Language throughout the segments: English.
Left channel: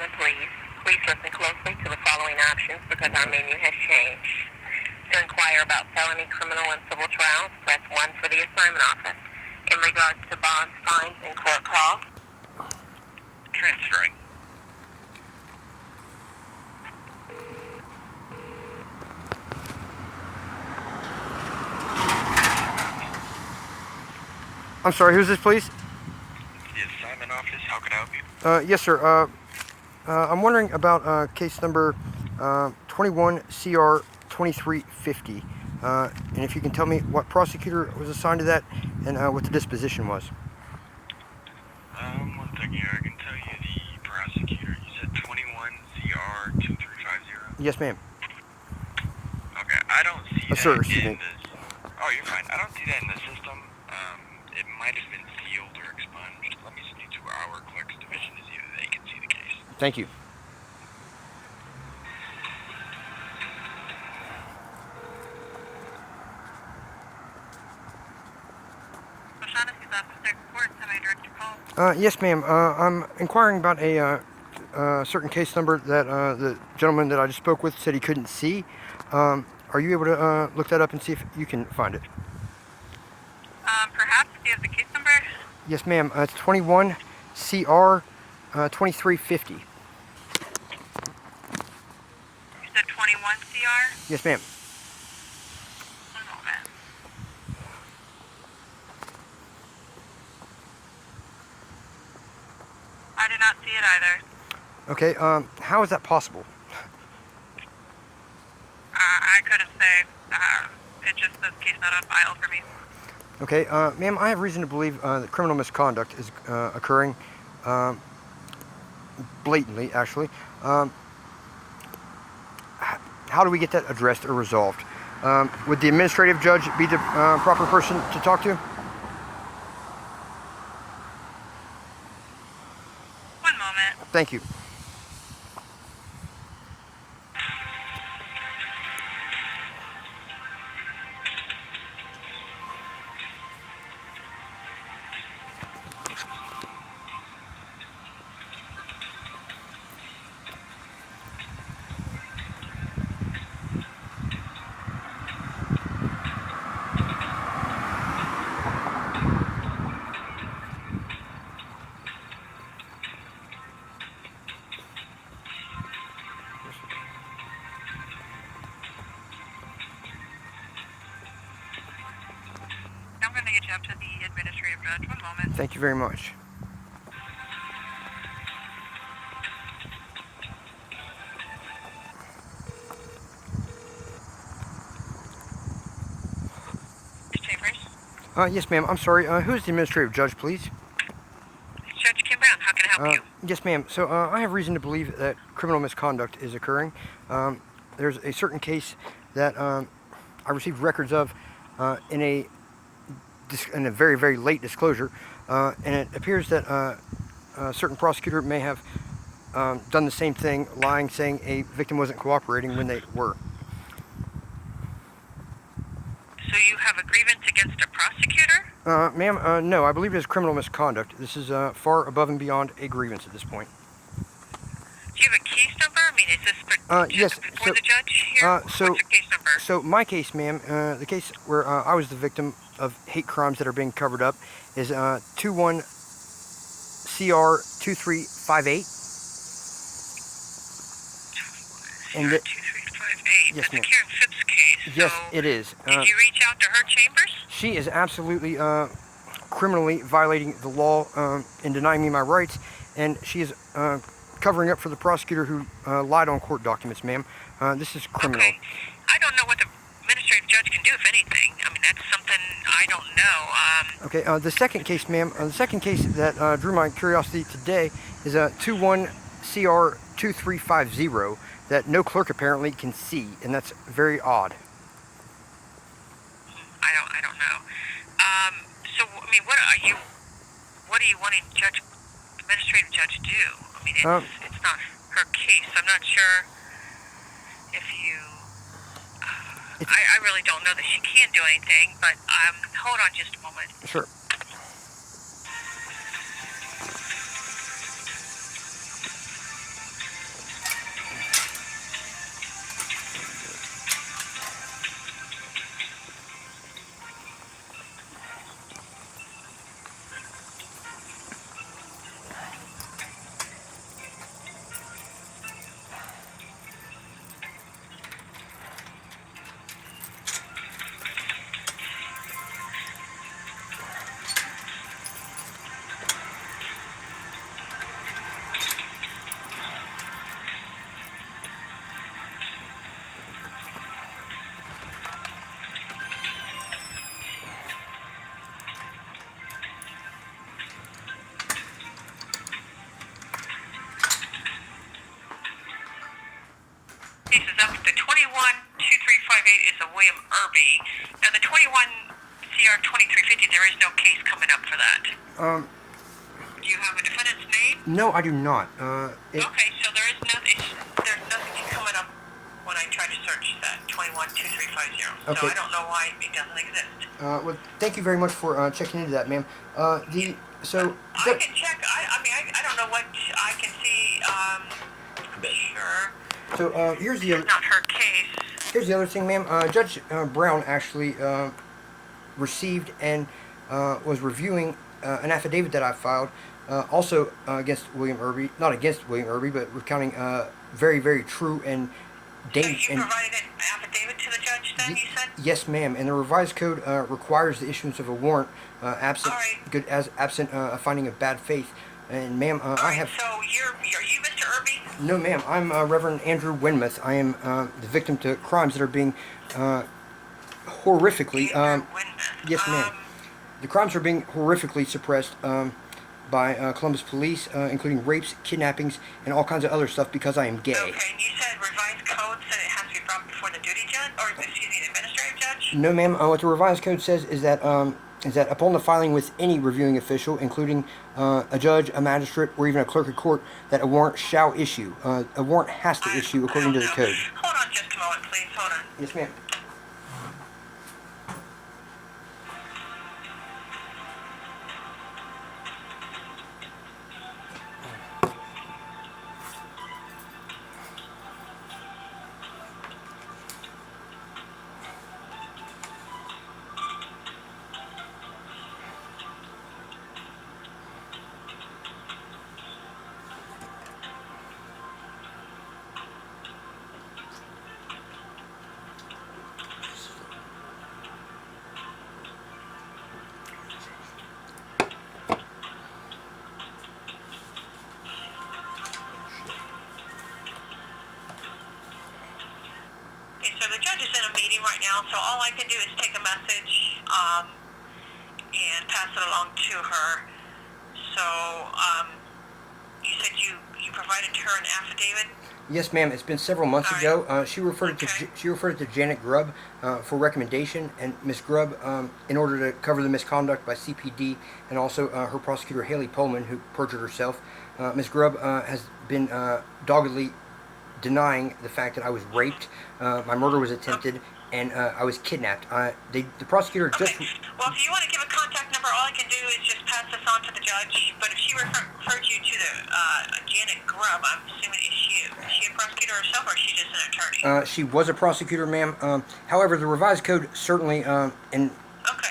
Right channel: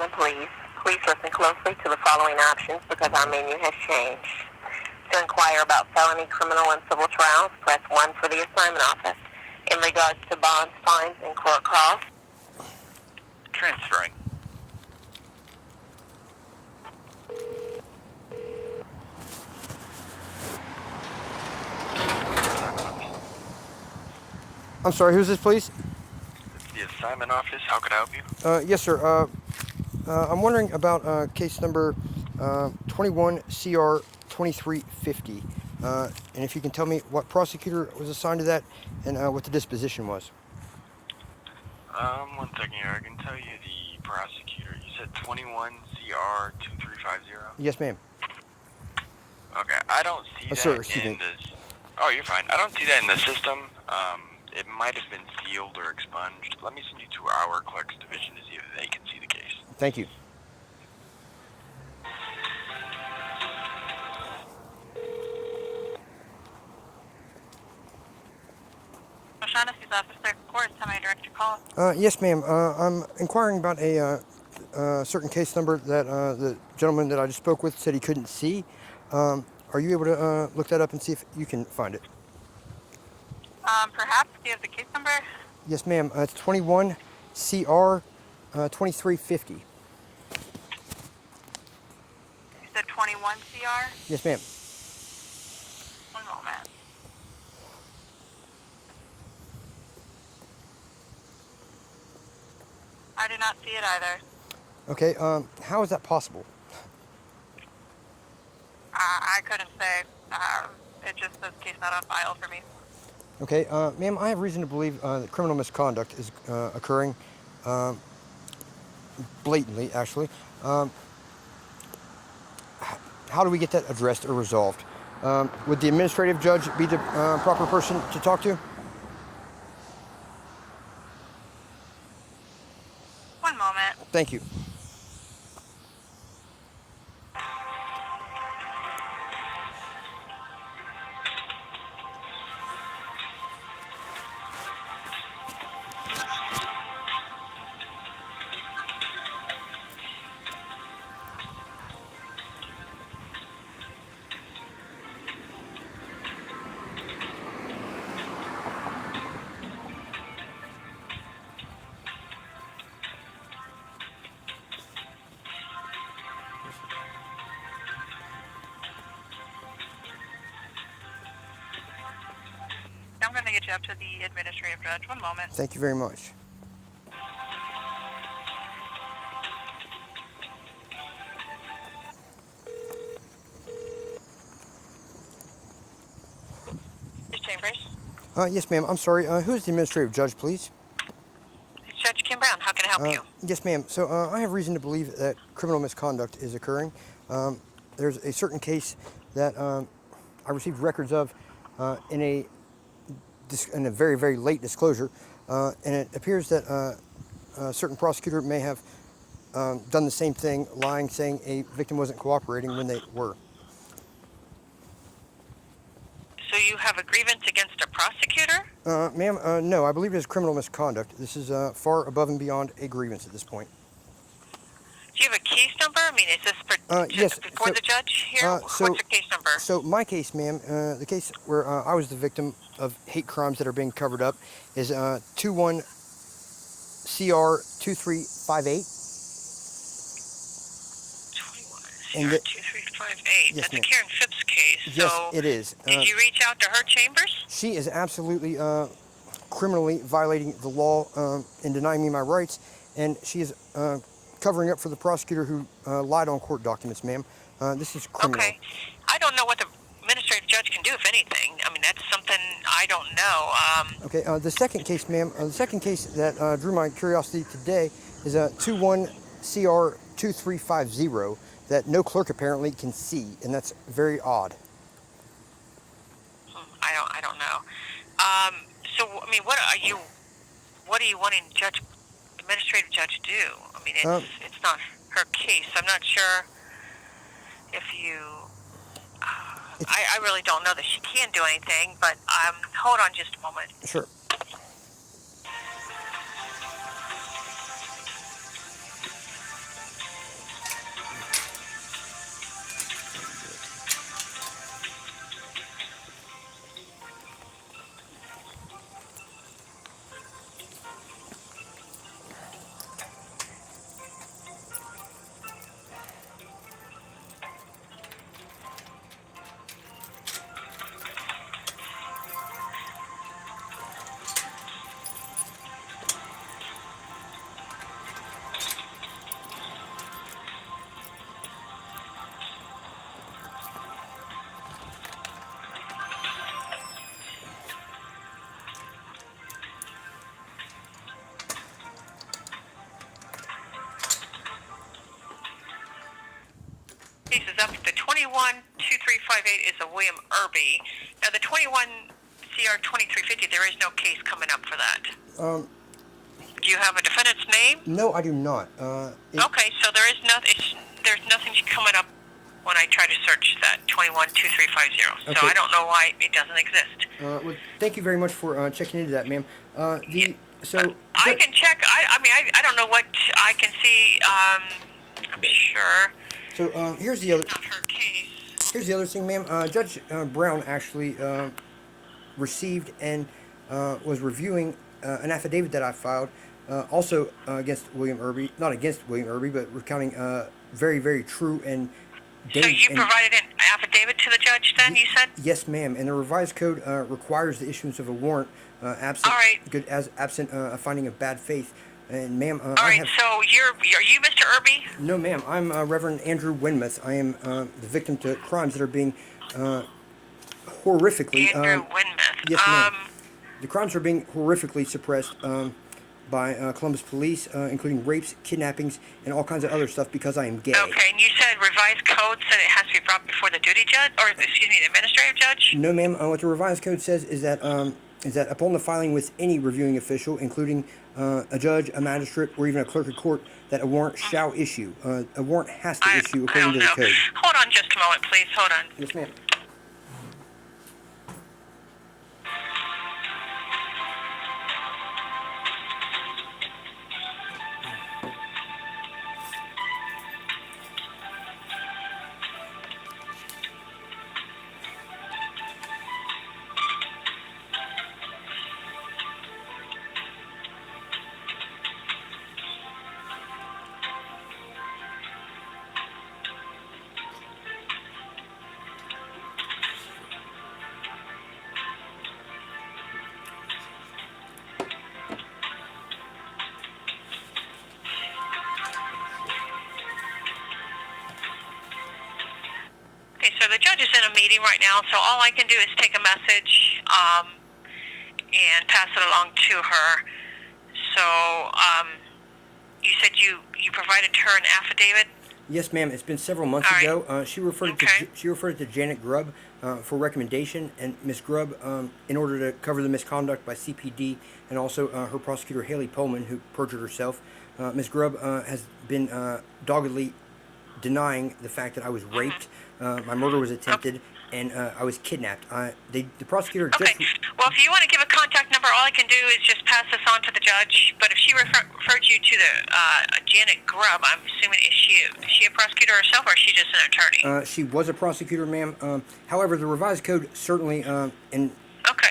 common pleas. Please listen closely to the following options because our menu has changed. To inquire about felony, criminal, and civil trials, press 1 for the assignment office. In regards to bonds, fines, and court costs, transferring. I'm sorry, who's this, please? The assignment office, how can I help you? Yes, sir. I'm wondering about case number 21CR2350, and if you can tell me what prosecutor was assigned to that and what the disposition was. 1 second here. I can tell you the prosecutor. You said 21CR2350? Yes, ma'am. Okay, I don't see that sir, in the... Oh, you're fine. I don't see that in the system. It might have been sealed or expunged. Let me send you to our clerk's division to see if they can see the case. Thank you. Yes, ma'am. I'm inquiring about a certain case number that the gentleman that I just spoke with said he couldn't see. Are you able to look that up and see if you can find it? Perhaps. Do you have the case number? Yes, ma'am. It's 21CR2350. You said 21CR? Yes, ma'am. One moment. I do not see it either. Okay, how is that possible? I couldn't say. It just says case not on file for me. Okay, ma'am, I have reason to believe that criminal misconduct is occurring blatantly, actually. How do we get that addressed or resolved? Would the administrative judge be the proper person to talk to? One moment. Thank you. I'm going to get you up to the administrative judge. One moment. Thank you very much. Chambers? Yes, ma'am. I'm sorry. Who's the administrative judge, please? Judge Kim Brown. How can I help you? Yes, ma'am. So I have reason to believe that criminal misconduct is occurring. There's a certain case that I received records of in a very, very late disclosure, and it appears that a certain prosecutor may have done the same thing, lying, saying a victim wasn't cooperating when they were. So you have a grievance against a prosecutor? Ma'am, no, I believe it is criminal misconduct. This is far above and beyond a grievance at this point. Do you have a case number? I mean, is this for yes, before so, the judge here? What's your case number? So my case, ma'am, the case where I was the victim of hate crimes that are being covered up is 21CR2358. 21CR2358. That's a Karen Phipps case. Yes, so it is. Did you reach out to her chambers? She is absolutely criminally violating the law and denying me my rights, and she is covering up for the prosecutor who lied on court documents, ma'am. This is criminal. Okay. I don't know what the administrative judge can do, if anything. I mean, that's something I don't know. Okay, the second case, ma'am, the second case that drew my curiosity today is 21CR2350 that no clerk apparently can see, and that's very odd. I don't know. So, I mean, what are you wanting administrative judge to do? I mean, it's not her case. I'm not sure if you... I really don't know that she can do anything, but hold on just a moment. Sure. is no case coming up for that. Do you have a defendant's name? No, I do not. Okay, so there's nothing coming up when I try to search that 212350. So Okay. I don't know why it doesn't exist. Well, thank you very much for checking into that, ma'am. So I can check. I don't know what I can see. I'm sure. So here's the other. It's not her case. Here's the other thing, ma'am. Judge Brown actually received and was reviewing an affidavit that I filed, also against William Irby, not against William Irby, but recounting very, very true and So you provided an affidavit to the judge then, you said? Yes, ma'am. And the revised code requires the issuance of a warrant absent absent a finding of bad faith. And ma'am, All right, so are you Mr. Irby? No, ma'am. I'm Reverend Andrew Winmuth. I am the victim to crimes that are being horrifically. Andrew Winmuth. Yes, ma'am. The crimes are being horrifically suppressed by Columbus police, including rapes, kidnappings, and all kinds of other stuff because I am gay. Okay, and you said revised code said it has to be brought before the duty judge, or excuse me, the administrative judge? No, ma'am. What the revised code says is that upon the filing with any reviewing official, including a judge, a magistrate, or even a clerk of court, that a warrant shall issue. A warrant has to issue according to the code. Hold on just a moment, please. Hold on. Yes, ma'am. Okay, so the judge is in a meeting right now, so all I can do is take a message and pass it along to her. So you said you provided her an affidavit? Yes, ma'am. It's been several months ago. She referred it to Janet Grubb for recommendation, and Miss Grubb, in order to cover the misconduct by CPD and also her prosecutor Haley Pullman, who perjured herself. Miss Grubb has been doggedly denying the fact that I was raped, my murder was attempted, and I was kidnapped. The prosecutor just... Well, if you want to give a contact number, all I can do is just pass this on to the judge. But if she referred you to the Janet Grubb, I'm assuming is she a prosecutor herself, or is she just an attorney? She was a prosecutor, ma'am. However, the revised code certainly and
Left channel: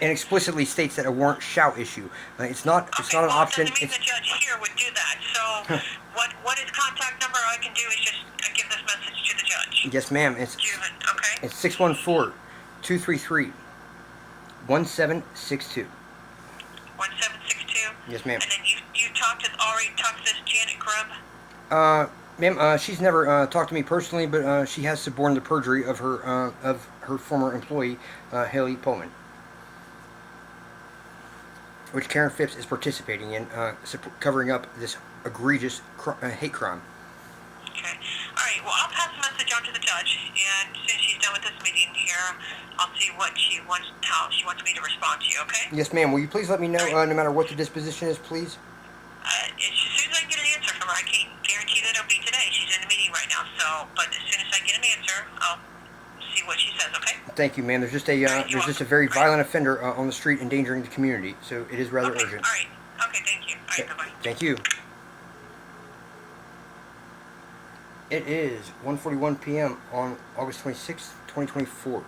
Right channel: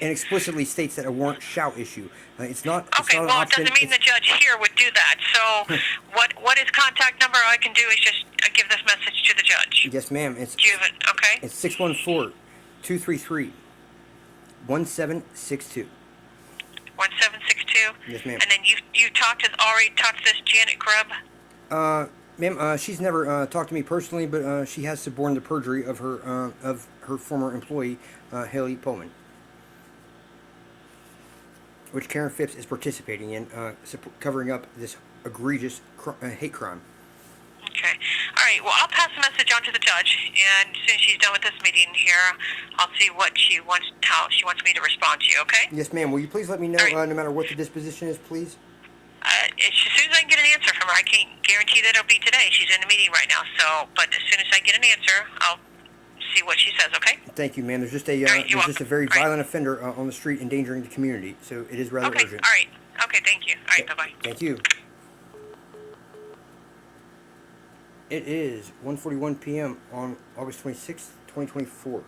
explicitly states that a warrant shall issue. It's not. It's not an option. It doesn't mean the judge here would do that. So, what is contact number? All I can do is just give this message to the judge. Yes, ma'am. Do you have it? Okay. It's 614-233-1762. 1762. Yes, ma'am. And then you already talked to this Janet Grubb? Ma'am, she's never talked to me personally, but she has suborned the perjury of her former employee, Haley Pullman, which Karen Phipps is participating in, covering up this egregious hate crime. Okay. All right. Well, I'll pass the message on to the judge, and as soon as she's done with this meeting here, I'll see how she wants me to respond to you. Okay? Yes, ma'am. Will you please let me know, no matter what the disposition is, please? As soon as I can get an answer from her, I can't guarantee that it'll be today. She's in a meeting right now. But as soon as I get an answer, I'll see what she says. Okay? Thank you, ma'am. There's just a very violent offender on the street endangering the community, so it is rather urgent. All right. Okay. Thank you. All right. Bye bye. Thank you. It is 1:41 p.m. on August 26th, 2024.